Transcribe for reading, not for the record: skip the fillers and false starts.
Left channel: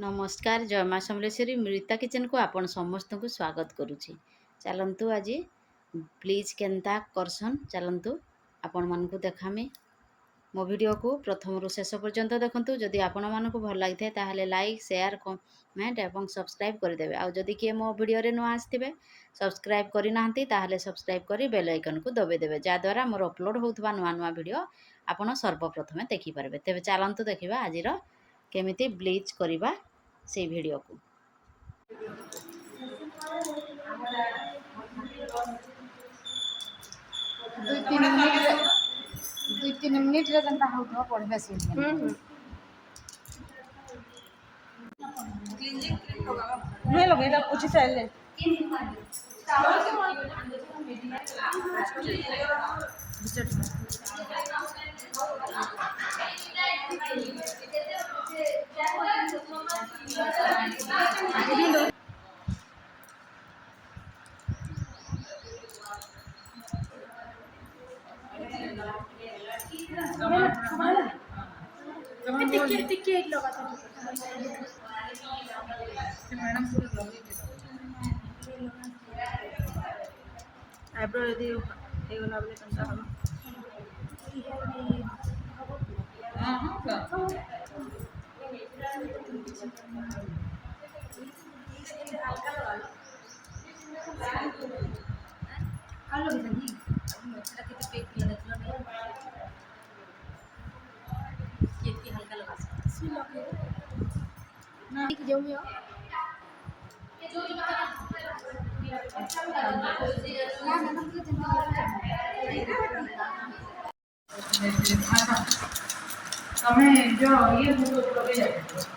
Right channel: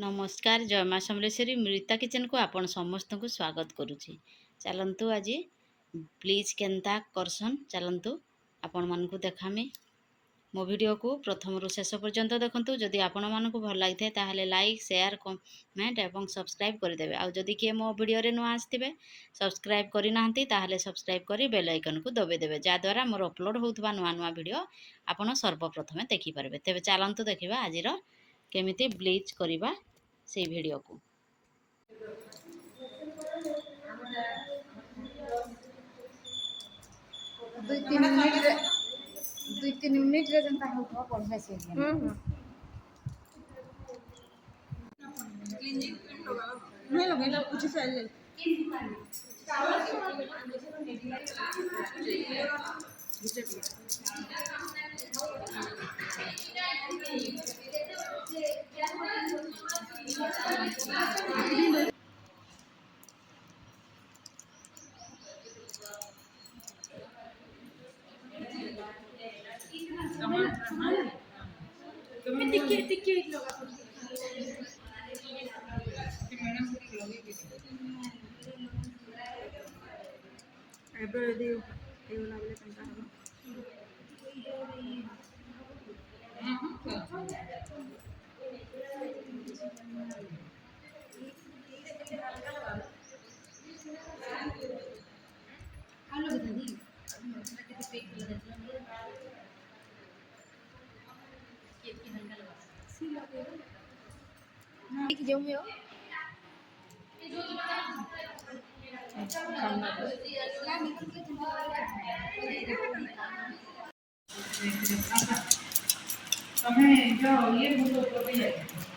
नमस्कार जय माँ समलेश्वरी मृता किचन को आपण समस्त को स्वागत करुच्ची। चलतु आज प्लीज केन्ता करसन चलतु आपण मान को देखामी मो वीडियो को प्रथम रु शेष पर्यंत देखंतु। जदि आपण मान को भल लगी ताहले लाइक शेयर कमेंट एवं सब्सक्राइब करदेवे। आ जदि किए मो वीडियो रे नुआ आसथिबे सब्सक्राइब करि नाहंती ताहले सब्सक्राइब करी बेल आइकन को दबे देबे, जा द्वारा मोर अपलोड होउथबा नुआ नुआ वीडियो आपण सर्वप्रथमे देखि पारबे। तेबे चलंतु देखिबा आजिर केमिति ब्लीच करिबा से वीडियो को। दुई तीन मिनिट रे जनता होतो पढ़बे से क्लींजिंग क्रीम लगाओ नहीं लगेगा उसी से ले टिक्की एक लगा था मैडम पूरी लगी के आईब्रो यदि ए वाला बोले तंता हम हां हां हल्का लगा लो हेलो दीदी मेरा कितने पेक लगा दिलो ये हल्का लगा सी लगे ना एक जो में हमें जो ये मुझे ऊपर जाते हैं